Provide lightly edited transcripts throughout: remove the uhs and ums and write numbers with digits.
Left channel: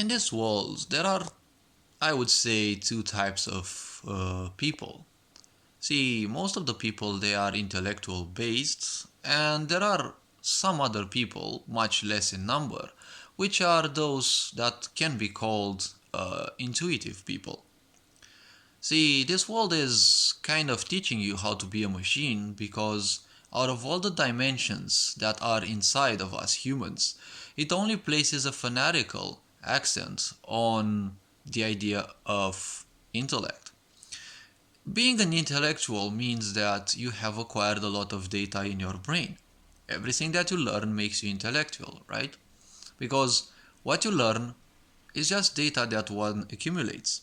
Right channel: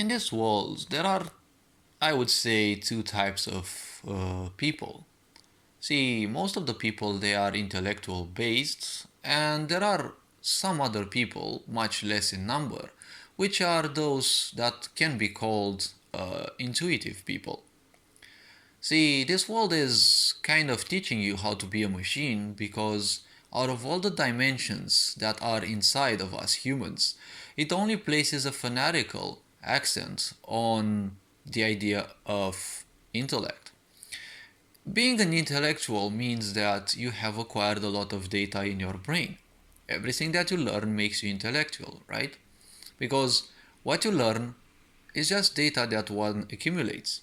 In this world, there are, I would say, two types of people. See, most of the people they are intellectual based, and there are some other people, much less in number, which are those that can be called intuitive people. See, this world is kind of teaching you how to be a machine because out of all the dimensions that are inside of us humans, it only places a fanatical accent on the idea of intellect. Being an intellectual means that you have acquired a lot of data in your brain. Everything that you learn makes you intellectual, right? Because what you learn is just data that one accumulates.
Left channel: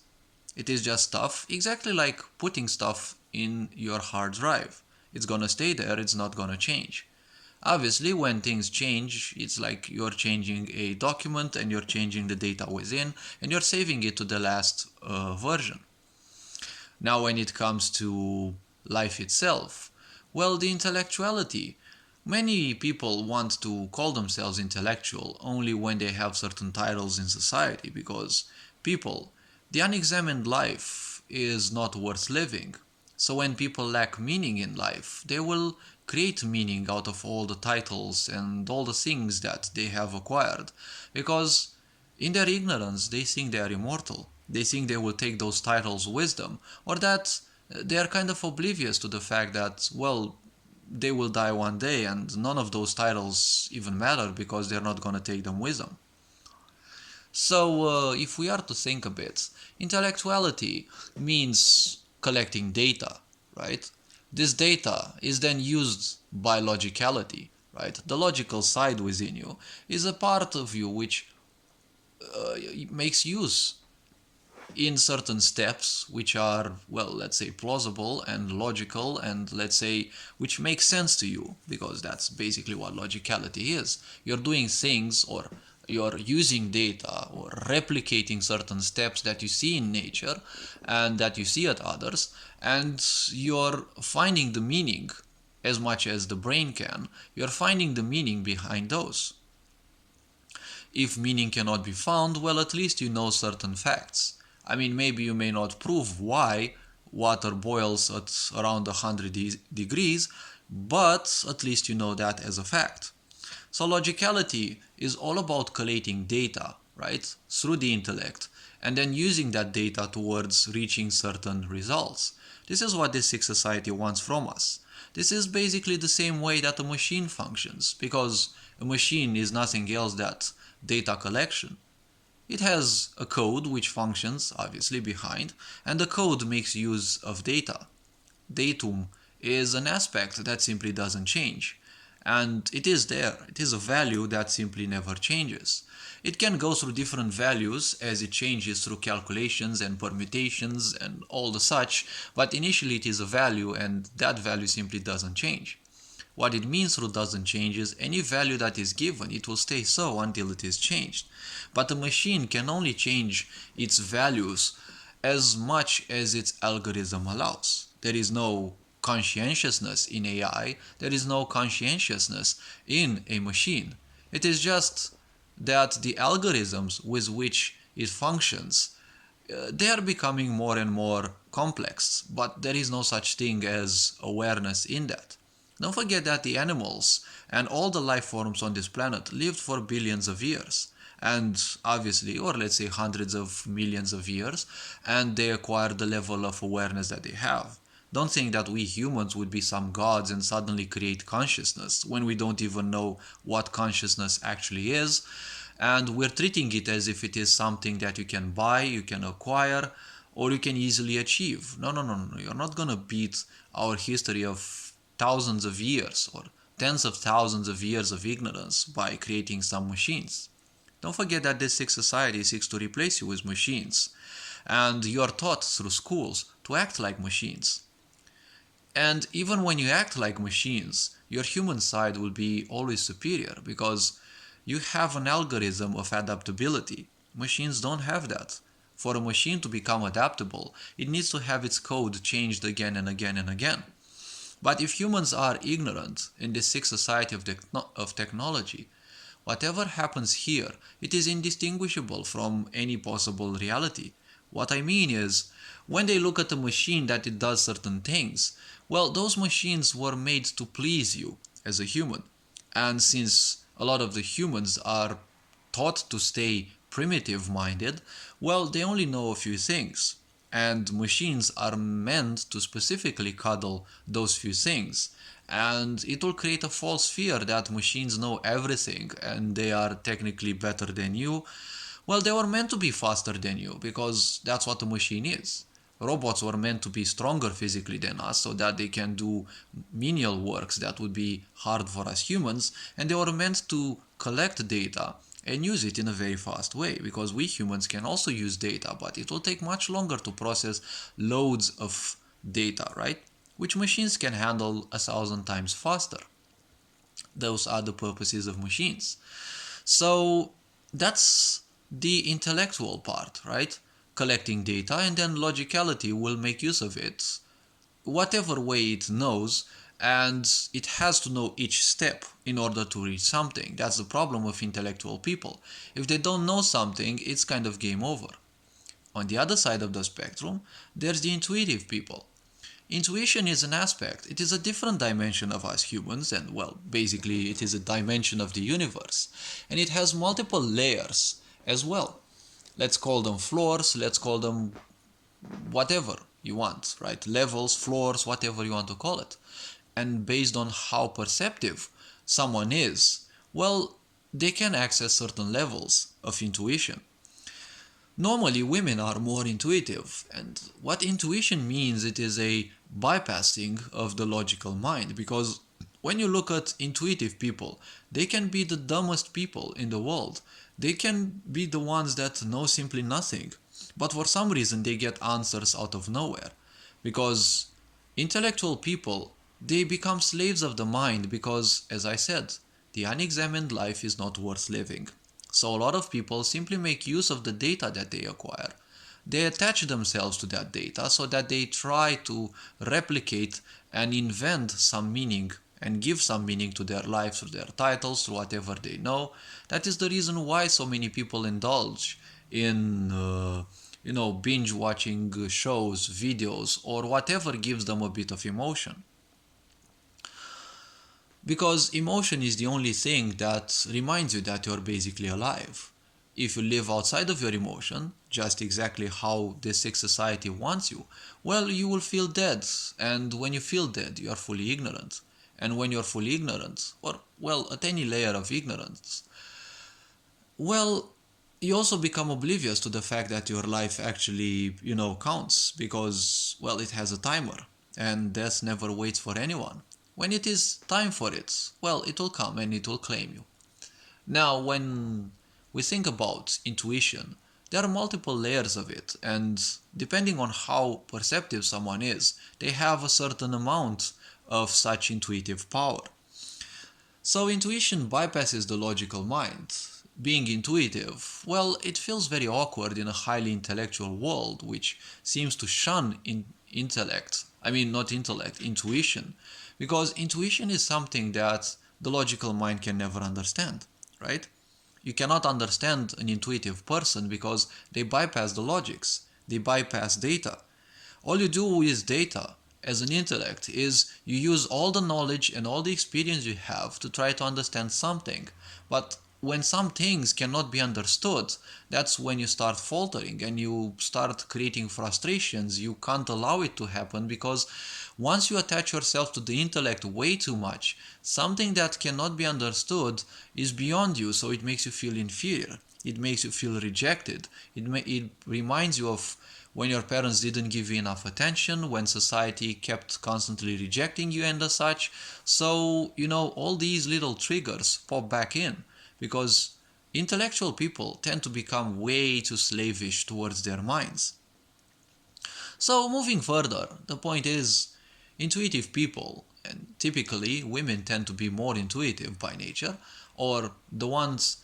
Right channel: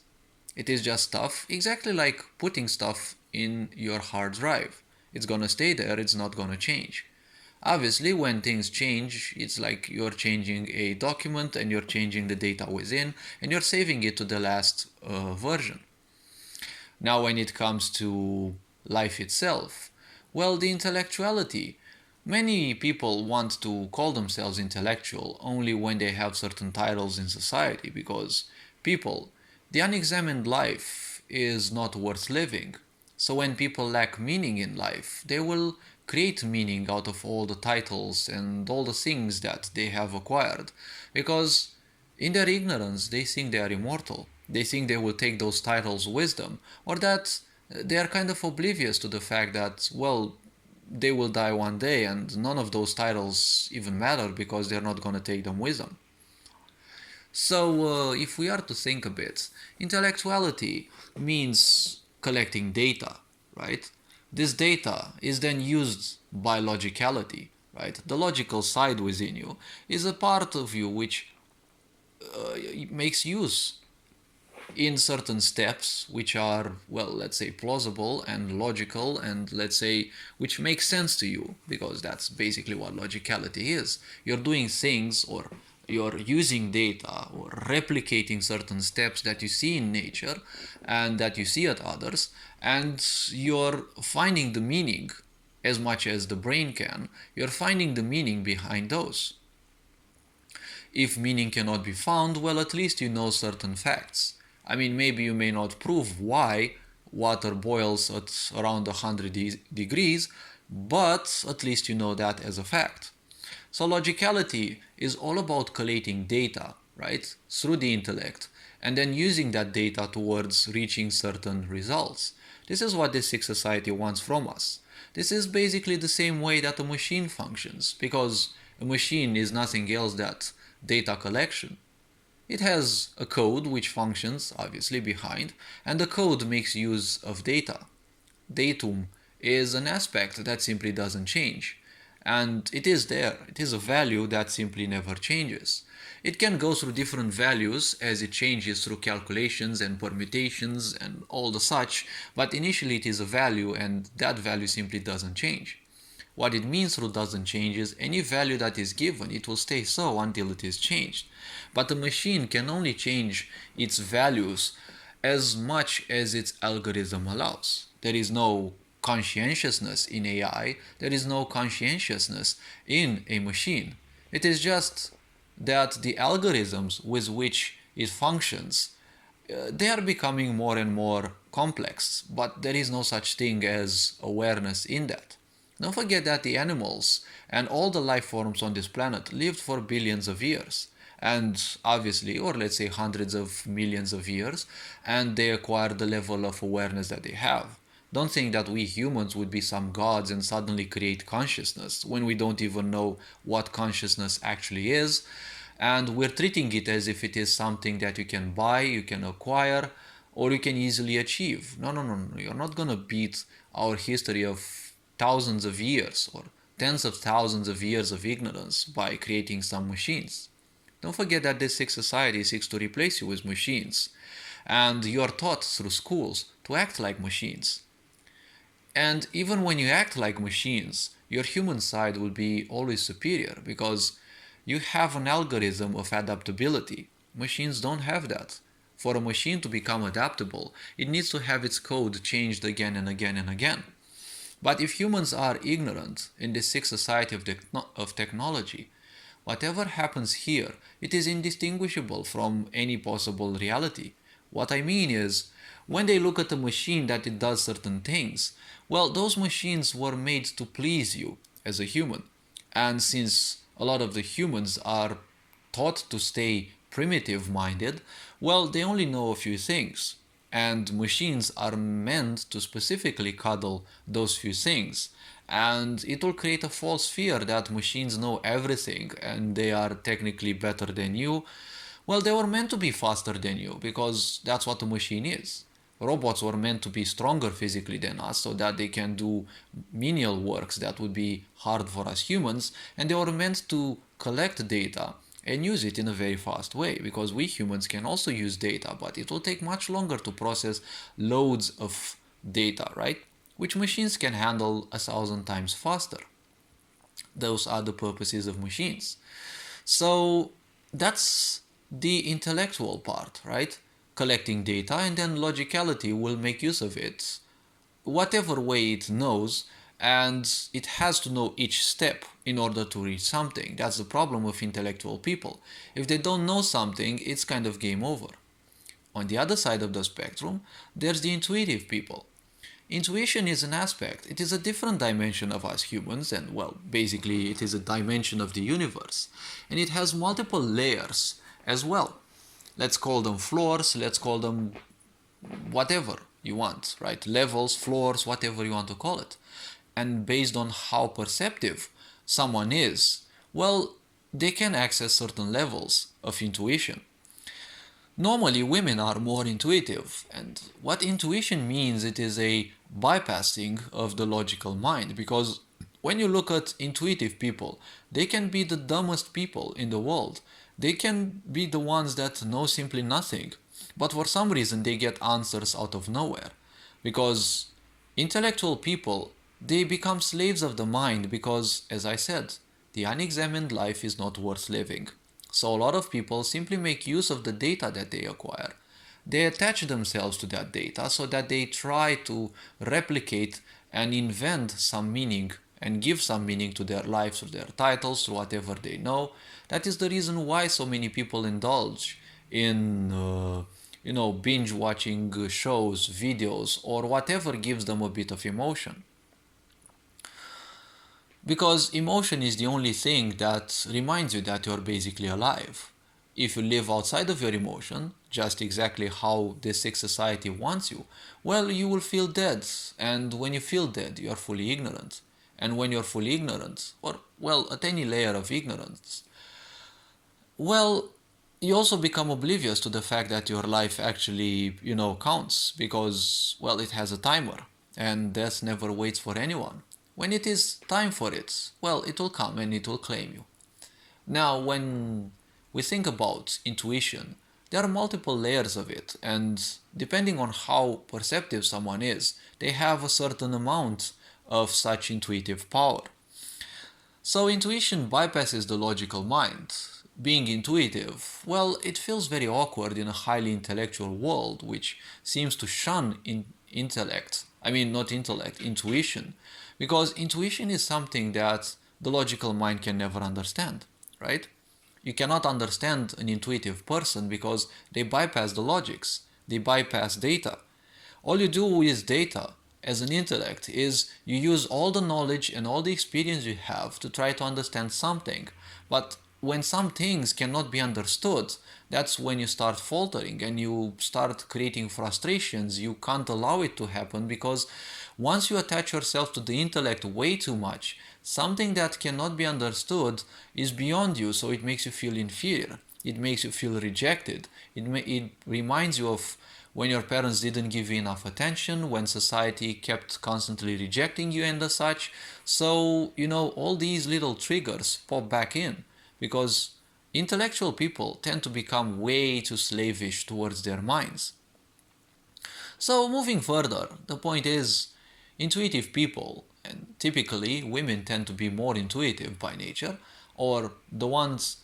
It is just stuff, exactly like putting stuff in your hard drive. It's gonna stay there, it's not gonna change. Obviously, when things change, it's like you're changing a document and you're changing the data within and you're saving it to the last version. Now, when it comes to life itself, well, the intellectuality. Many people want to call themselves intellectual only when they have certain titles in society because people, the unexamined life is not worth living. So when people lack meaning in life, they will create meaning out of all the titles and all the things that they have acquired because in their ignorance, they think they are immortal. They think they will take those titles with them, or that they are kind of oblivious to the fact that, well, they will die one day and none of those titles even matter because they're not going to take them with them. So, if we are to think a bit, intellectuality means collecting data, right? This data is then used by logicality, right? The logical side within you is a part of you which makes use in certain steps which are, well, let's say plausible and logical and let's say which make sense to you because that's basically what logicality is. You're doing things or you're using data or replicating certain steps that you see in nature and that you see at others, and you're finding the meaning as much as the brain can. You're finding the meaning behind those. If meaning cannot be found, well, at least you know certain facts. I mean, maybe you may not prove why water boils at around 100 degrees, but at least you know that as a fact. So logicality is all about collating data, right, through the intellect, and then using that data towards reaching certain results. This is what this sick society wants from us. This is basically the same way that a machine functions, because a machine is nothing else than data collection. It has a code which functions obviously behind, and the code makes use of data. Datum is an aspect that simply doesn't change, and it is there. It is a value that simply never changes. It can go through different values as it changes through calculations and permutations and all the such, but initially it is a value and that value simply doesn't change. What it means through doesn't change is any value that is given, it will stay so until it is changed. But a machine can only change its values as much as its algorithm allows. There is no conscientiousness in AI, there is no conscientiousness in a machine. It is just that the algorithms with which it functions, they are becoming more and more complex, but there is no such thing as awareness in that. Don't forget that the animals and all the life forms on this planet lived for billions of years, and obviously, or let's say hundreds of millions of years, and they acquired the level of awareness that they have. Don't think that we humans would be some gods and suddenly create consciousness when we don't even know what consciousness actually is, and we're treating it as if it is something that you can buy, you can acquire, or you can easily achieve. No, no, no, no. You're not gonna beat our history of thousands of years or tens of thousands of years of ignorance by creating some machines. Don't forget that this sick society seeks to replace you with machines, and you are taught through schools to act like machines. And even when you act like machines, your human side will be always superior because you have an algorithm of adaptability. Machines don't have that. For a machine to become adaptable, it needs to have its code changed again and again and again. But if humans are ignorant in this sick society of technology, whatever happens here, it is indistinguishable from any possible reality. What I mean is, when they look at a machine that it does certain things, well, those machines were made to please you as a human. And since a lot of the humans are taught to stay primitive minded, well, they only know a few things. And machines are meant to specifically cuddle those few things. And it will create a false fear that machines know everything and they are technically better than you. Well, they were meant to be faster than you because that's what a machine is. Robots were meant to be stronger physically than us so that they can do menial works that would be hard for us humans, and they were meant to collect data and use it in a very fast way because we humans can also use data, but it will take much longer to process loads of data, right? Which machines can handle 1,000 times faster. Those are the purposes of machines. So that's the intellectual part, right? Collecting data, and then logicality will make use of it whatever way it knows, and it has to know each step in order to reach something. That's the problem with intellectual people. If they don't know something, it's kind of game over. On the other side of the spectrum, there's the intuitive people. Intuition is an aspect, it is a different dimension of us humans, and well, basically, it is a dimension of the universe, and it has multiple layers as well. Let's call them floors, let's call them whatever you want, right? Levels, floors, whatever you want to call it. And based on how perceptive someone is, well, they can access certain levels of intuition. Normally, women are more intuitive, and what intuition means, it is a bypassing of the logical mind, because when you look at intuitive people, they can be the dumbest people in the world. They can be the ones that know simply nothing, but for some reason they get answers out of nowhere. Because intellectual people, they become slaves of the mind because, as I said, the unexamined life is not worth living. So a lot of people simply make use of the data that they acquire. They attach themselves to that data so that they try to replicate and invent some meaning and give some meaning to their lives, to their titles, to whatever they know. That is the reason why so many people indulge in, binge watching shows, videos, or whatever gives them a bit of emotion. Because emotion is the only thing that reminds you that you're basically alive. If you live outside of your emotion, just exactly how this sick society wants you, well, you will feel dead. And when you feel dead, you're fully ignorant. And when you're fully ignorant, or, well, at any layer of ignorance, well, you also become oblivious to the fact that your life actually, counts because, well, it has a timer and death never waits for anyone. When it is time for it, well, it will come and it will claim you. Now, when we think about intuition, there are multiple layers of it, and depending on how perceptive someone is, they have a certain amount of such intuitive power. So intuition bypasses the logical mind. Being intuitive, well, it feels very awkward in a highly intellectual world which seems to shun intuition, because intuition is something that the logical mind can never understand, right? You cannot understand an intuitive person because they bypass the logics, they bypass data. All you do with data as an intellect is you use all the knowledge and all the experience you have to try to understand something. But when some things cannot be understood, that's when you start faltering and you start creating frustrations. You can't allow it to happen because once you attach yourself to the intellect way too much, something that cannot be understood is beyond you, so it makes you feel inferior. It makes you feel rejected. It reminds you of when your parents didn't give you enough attention, when society kept constantly rejecting you and such. So, all these little triggers pop back in because intellectual people tend to become way too slavish towards their minds. So, moving further, the point is, intuitive people, and typically women tend to be more intuitive by nature, or the ones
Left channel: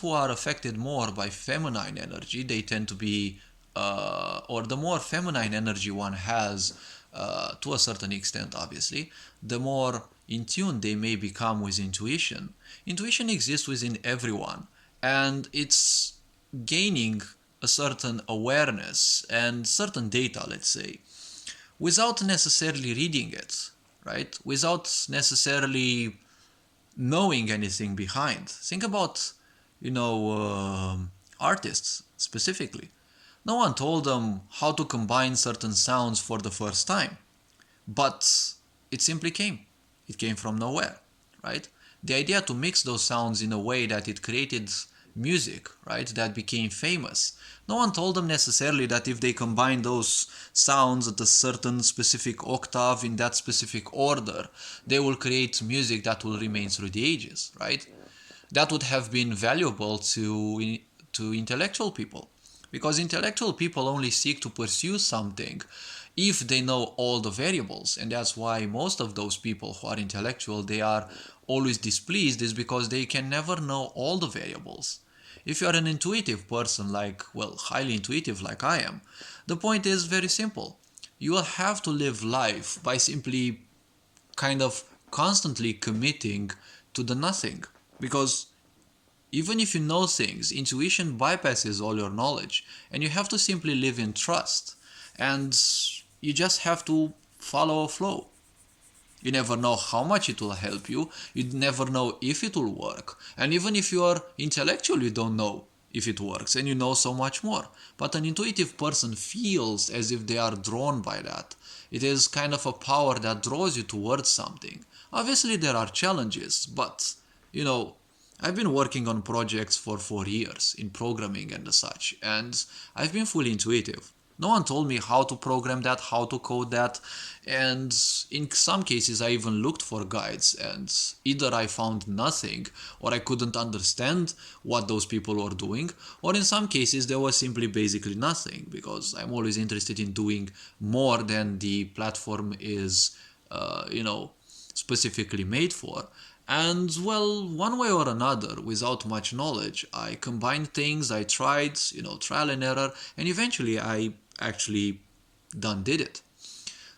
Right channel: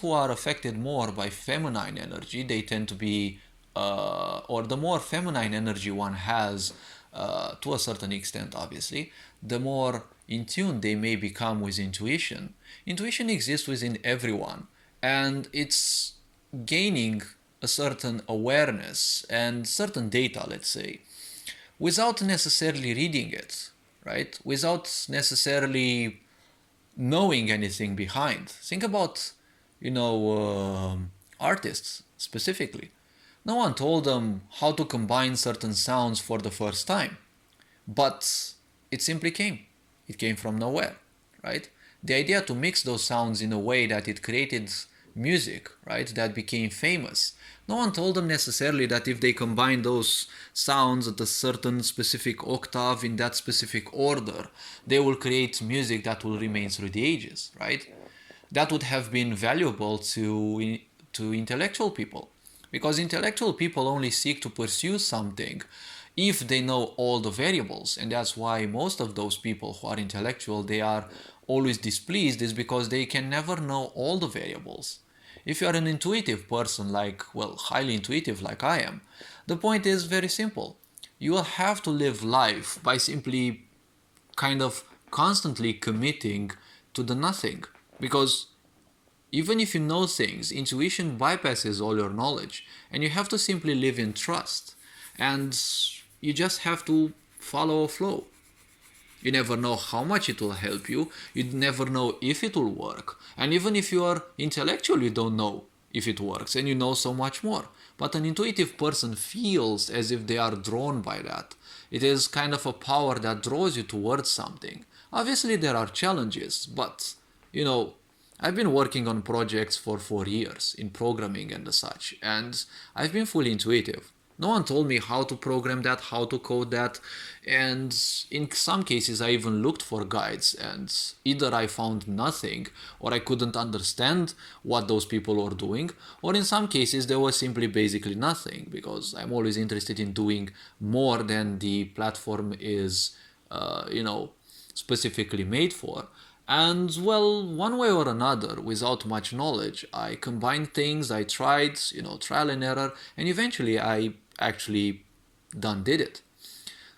who are affected more by feminine energy, they tend to be, or the more feminine energy one has, to a certain extent, obviously, the more in tune they may become with intuition. Intuition exists within everyone, and it's gaining a certain awareness and certain data, let's say, without necessarily reading it, right? Without necessarily knowing anything behind. Think about, artists specifically. No one told them how to combine certain sounds for the first time, but it simply came. It came from nowhere, right? The idea to mix those sounds in a way that it created music, right, that became famous. No one told them necessarily that if they combine those sounds at a certain specific octave in that specific order, they will create music that will remain through the ages, right? That would have been valuable to intellectual people, because intellectual people only seek to pursue something if they know all the variables, and that's why most of those people who are intellectual, they are always displeased, is because they can never know all the variables. If you are an intuitive person, highly intuitive like I am, the point is very simple. You will have to live life by simply kind of constantly committing to the nothing. Because even if you know things, intuition bypasses all your knowledge, and you have to simply live in trust. And you just have to follow a flow. You never know how much it will help you. You never know if it will work. And even if you are intellectual, you don't know if it works, and you know so much more. But an intuitive person feels as if they are drawn by that. It is kind of a power that draws you towards something. Obviously, there are challenges, but, I've been working on projects for 4 years in programming and such, and I've been fully intuitive. No one told me how to program that, how to code that, and in some cases I even looked for guides, and either I found nothing, or I couldn't understand what those people were doing, or in some cases there was simply basically nothing, because I'm always interested in doing more than the platform is, specifically made for. And well, one way or another, without much knowledge, I combined things, I tried, trial and error, and eventually I actually did it.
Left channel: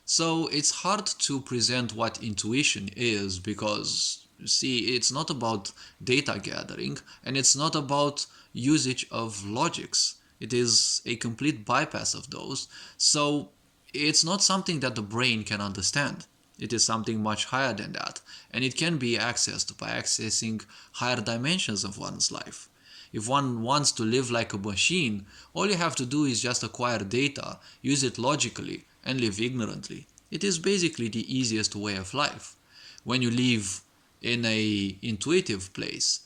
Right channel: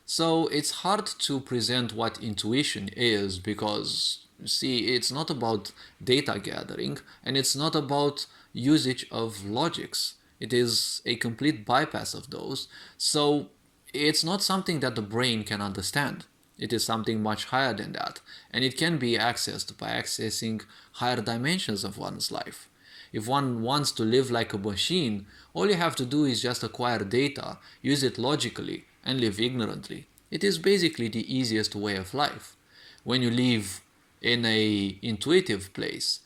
So it's hard to present what intuition is, because, see, it's not about data gathering, and it's not about usage of logics. It is a complete bypass of those. So it's not something that the brain can understand. It is something much higher than that, and it can be accessed by accessing higher dimensions of one's life. If one wants to live like a machine, all you have to do is just acquire data, use it logically, and live ignorantly. It is basically the easiest way of life. When you live in a intuitive place,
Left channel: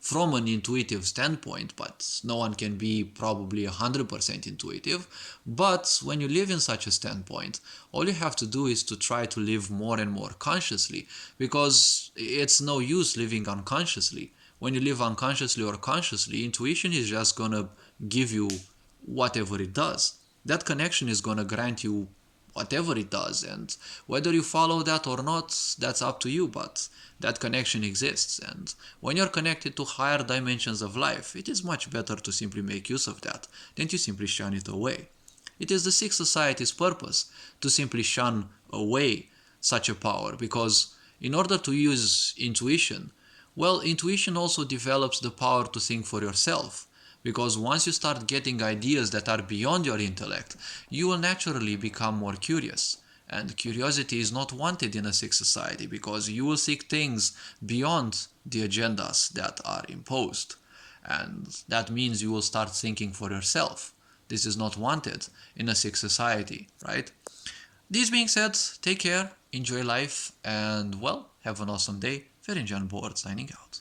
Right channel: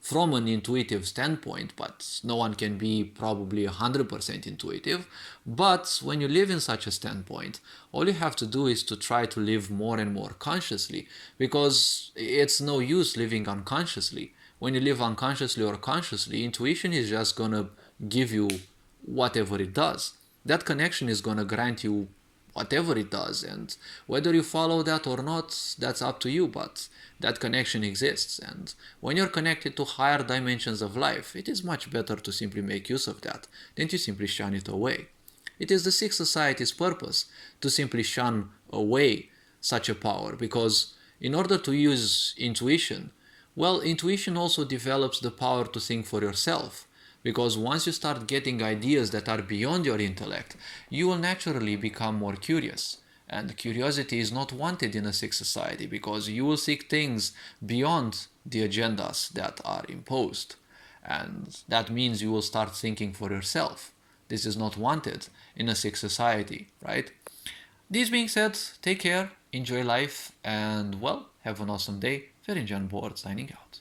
from an intuitive standpoint, but no one can be probably 100% intuitive. But when you live in such a standpoint, all you have to do is to try to live more and more consciously, because it's no use living unconsciously. When you live unconsciously or consciously, intuition is just gonna give you whatever it does. That connection is gonna grant you whatever it does, and whether you follow that or not, that's up to you, but that connection exists. And when you're connected to higher dimensions of life, it is much better to simply make use of that than to simply shun it away. It is the Sixth Society's purpose to simply shun away such a power, because in order to use intuition, well, intuition also develops the power to think for yourself. Because once you start getting ideas that are beyond your intellect, you will naturally become more curious. And curiosity is not wanted in a sick society, because you will seek things beyond the agendas that are imposed. And that means you will start thinking for yourself. This is not wanted in a sick society, right? This being said, take care, enjoy life, and well, have an awesome day. Very John Board signing out.